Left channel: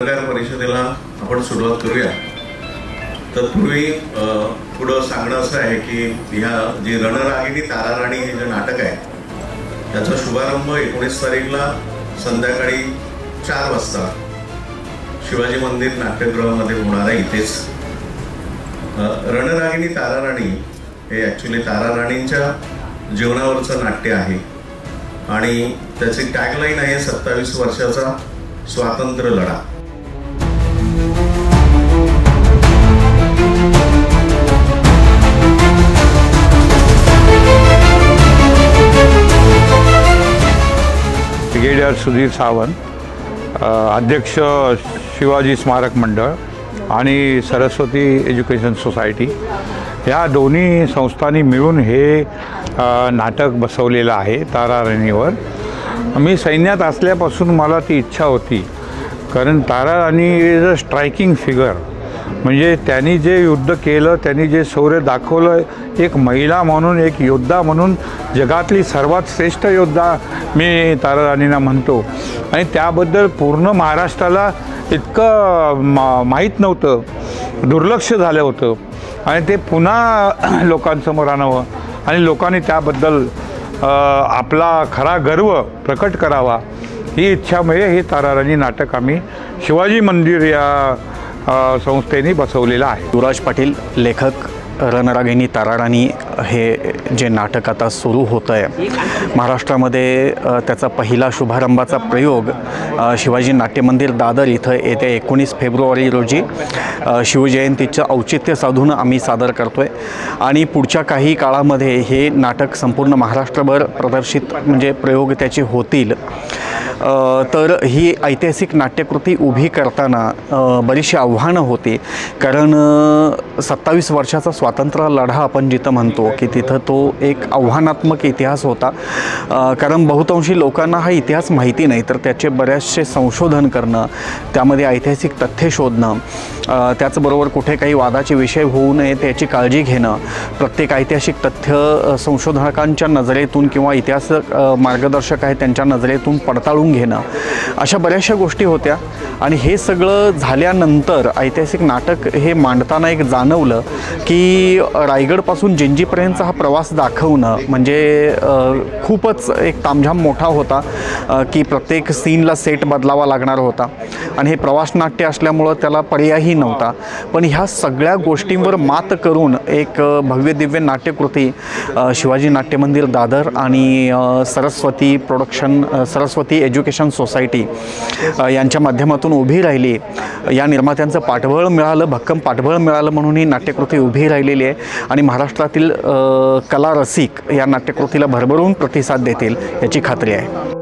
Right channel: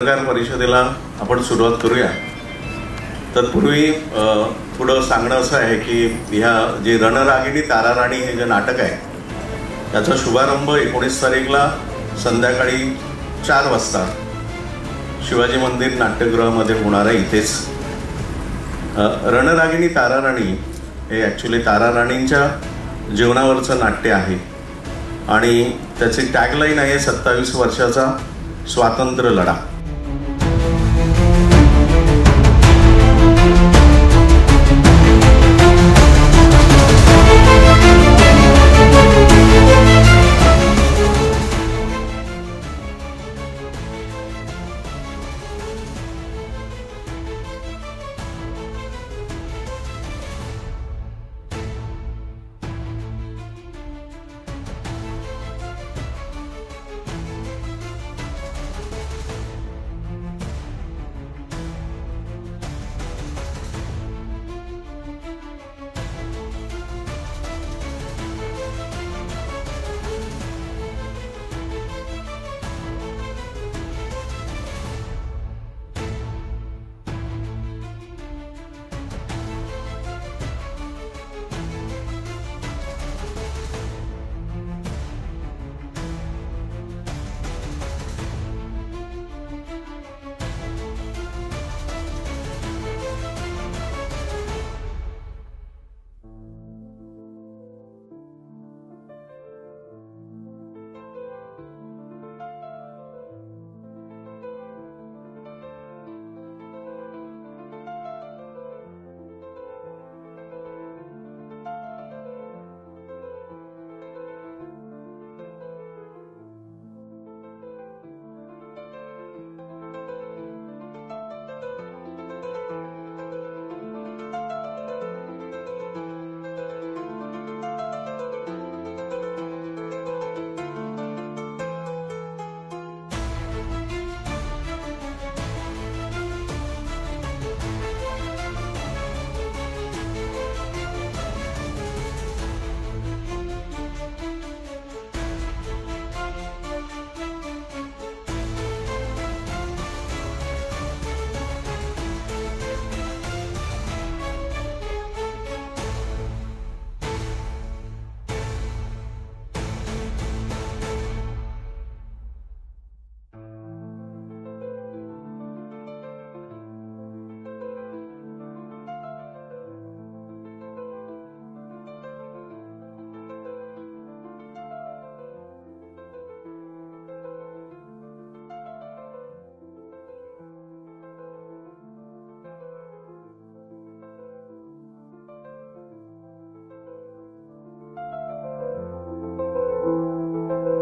पत्रकार परिषदेला आपण सुरुवात करूया। तत्पूर्वी थोडं सांगणं असं आहे की ह्या जे रणरागिणी ताराराणी हे जे नाटक आहे त्याचा शुभारंभ 19 तारीखला संध्याकाळी 4 वाजता शिवाजी मंदिर नाट्यगृहामध्ये होणार आहे। इथेच रणरागिणी ताराराणी हे ऍक्च्युअली ताराराणींच्या जीवनावरचं नाट्य आहे आणि त्याची टॅगलाईन आहे 27 वर्षाचा स्वातंत्र्य लढा। ब्रिगेडियर सुधीर सावंत, अध्यक्ष शिवाजी स्मारक मंडळ आणि सरस्वती एज्युकेशन सोसायटी या दोन्ही संस्थांनी मिळून हे नाटक बसवलेलं आहे ताराराणीवर। मी सैन्यात असल्यापासून मला ती इच्छा होती, कारण Tararani is a striking figure. म्हणजे त्यांनी जे युद्ध केलं, त्यांनी जे शौर्य दाखवलं, एक महिला म्हणून, एक योद्धा म्हणून जगातली सर्वात श्रेष्ठ योद्धा मी ताराराणींना म्हणतो। आणि त्याबद्दल पूर्ण महाराष्ट्राला इतकं माहीत नव्हतं, दुर्लक्ष झालं होतं आणि ते पुन्हा लोकांसमोर आणावं आणि लोकांनी त्याबद्दल आपला खरा गर्व प्रकट करावा ही इच्छामुळे हे ताराराणी नाटक आम्ही शिवाजी मंदिर या संस्थेने बसवलेलं आहे। युवराज पाटील लेखक रणरागिणी ताराराणी हे जे नाटक आता सुरू होतं आहे महाराष्ट्रामध्ये, त्याचा पहिला शुभारंभाचा प्रयोग शिवाजी नाट्यमंदिर दादर इथं येत्या 19 फेब्रुवारी रोजी शिवजयंतीचं औचित्य साधून आम्ही सादर करतो आहे आणि पुढच्या काही काळामध्ये हे नाटक संपूर्ण महाराष्ट्रभर प्रदर्शित म्हणजे प्रयोग त्याचे होतील। तर ही ऐतिहासिक नाट्यकृती उभी करताना बरीचशी आव्हानं होती, कारण 27 वर्षाचा स्वातंत्र्य लढा आपण जिथं म्हणतो की तिथं तो एक आव्हानात्मक इतिहास होता, कारण बहुतांशी लोकांना हा इतिहास माहिती नाही, तर त्याचे बरेचसे संशोधन करणं, त्यामध्ये ऐतिहासिक तथ्य शोधणं, त्याचबरोबर कुठे काही वादाचे विषय होऊ नये त्याची काळजी घेणं, प्रत्येक ऐतिहासिक तथ्य संशोधकांच्या नजरेतून किंवा इतिहास मार्गदर्शक आहेत त्यांच्या नजरेतून पडताळून घेणं, अशा बऱ्याचशा गोष्टी होत्या। आणि हे सगळं झाल्यानंतर ऐतिहासिक नाटक हे मांडताना एक जाणवलं की रायगडपासून जिंजीपर्यंतचा हा प्रवास दाखवणं म्हणजे खूपच एक तामझाम मोठा होता की प्रत्येक सीनला सेट बदलावा लागणार होता आणि हे प्रवास नाट्य असल्यामुळं त्याला पर्यायही नव्हता। पण ह्या सगळ्या गोष्टींवर मात करून एक भव्य दिव्य नाट्यकृती शिवाजी नाट्यमंदिर दादर आणि सरस्वती एज्युकेशन सोसायटी यांच्या माध्यमातून उभी राहिली। या निर्मात्यांचं पाठबळ मिळालं, भक्कम पाठबळ मिळालं म्हणून ही नाट्यकृती उभी राहिलेली आहे आणि महाराष्ट्रातील कला रसिक या नाट्यकृतीला भरभरून प्रतिसाद देतील याची खात्री आहे।